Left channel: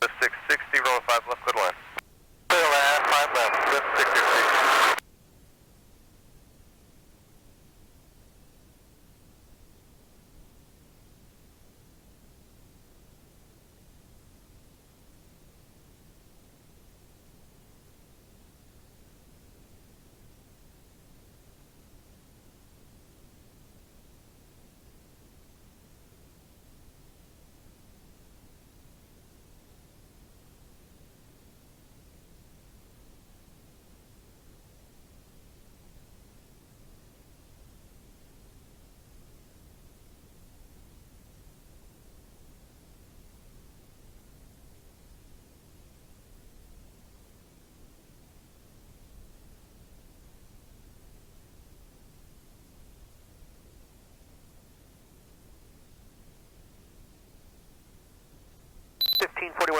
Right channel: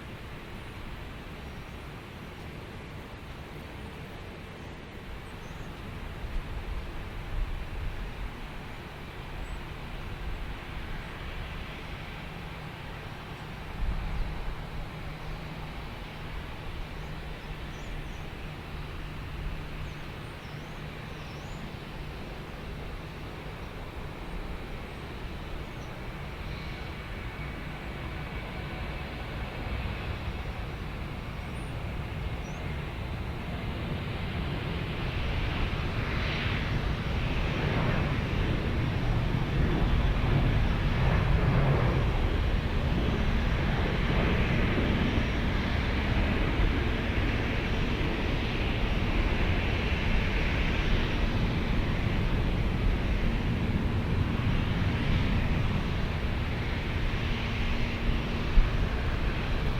The 660, rolling 5 left, clear to land. Clear to land, 5 left, with 660.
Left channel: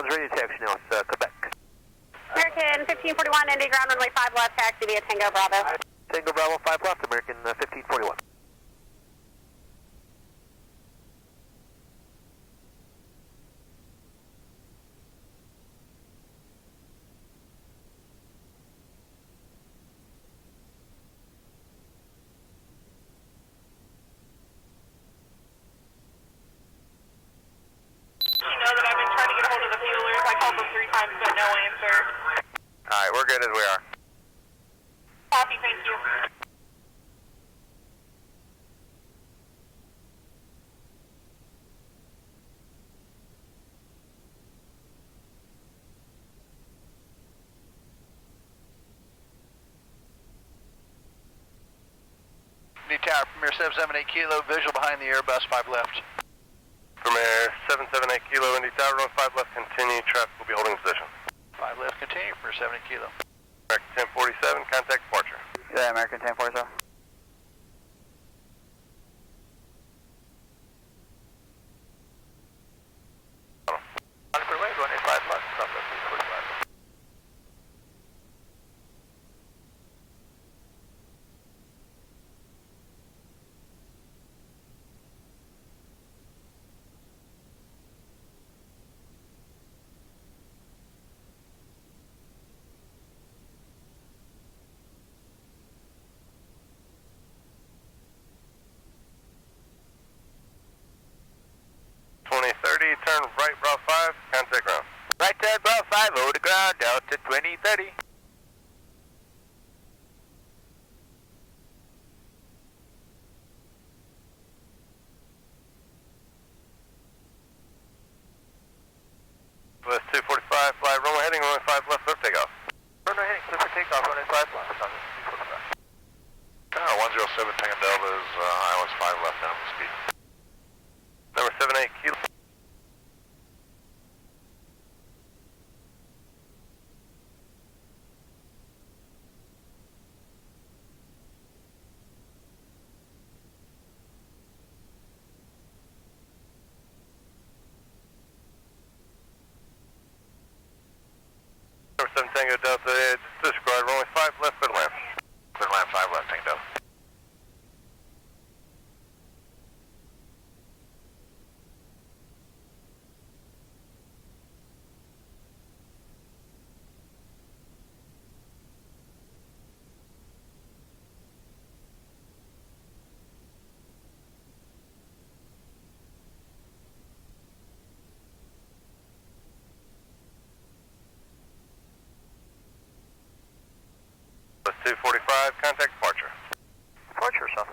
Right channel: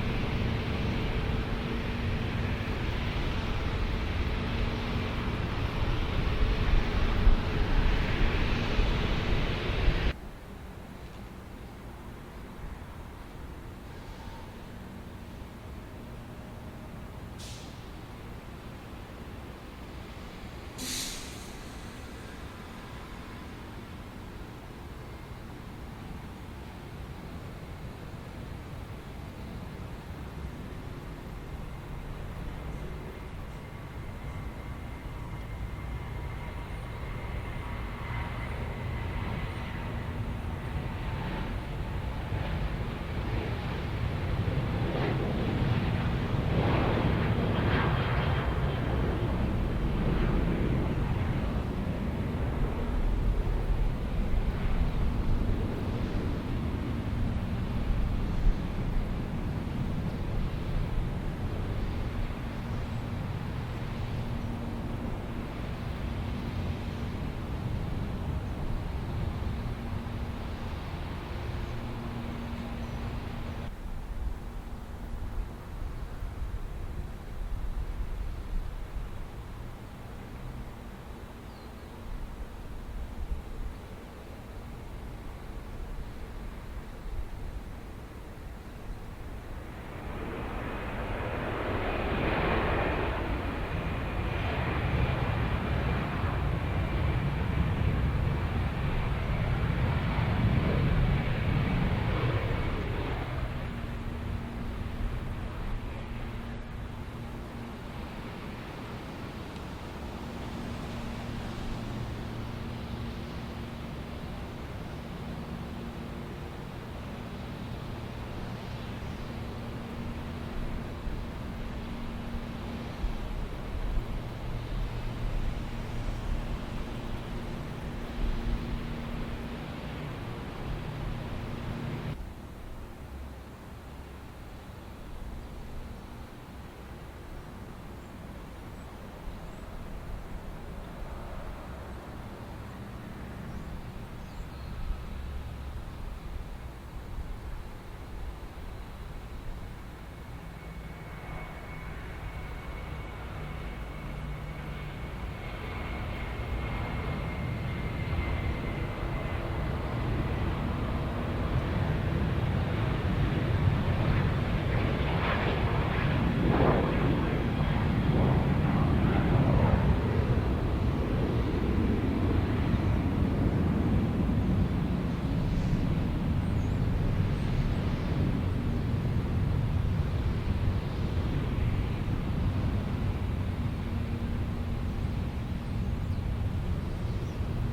Ready to taxi now, it's Quebec. American 1541, Indy ground runway 5 left, taxi via Tango Bravo. Tango Bravo 5 left, American 1541. You know that I've been trying to get a hold of the fuelers. I called them 3 times, but no answer. Alright, we're good as we are. Copy, thank you. New tower, Premier 778 Kilo, visual behind the Airbus, 5 left. Premier 778 Kilo, Indy Tower, rolling 5 left, continue, traffic will be holding position. 5 left, continue for 70 Kilo. American 1047, contact departure. Yeah, American 1047. On for way, going 5 left, stop at 45. Turn right, Bravo 5, contact ground. Right side, Bravo 5, over to ground, Delta 2030. West 245, fly runway heading, runway 5 left, clear takeoff. Runway heading, clear for takeoff, runway 5 left, stop at 107 Tango Delta is ILS 5 left, down speed. Number 78 Kilo. Number 7 Tango Delta, disregard, runway 5 left, clear to land. Clear to land, 5 left, Tango Delta. West 245, contact departure. Departure, South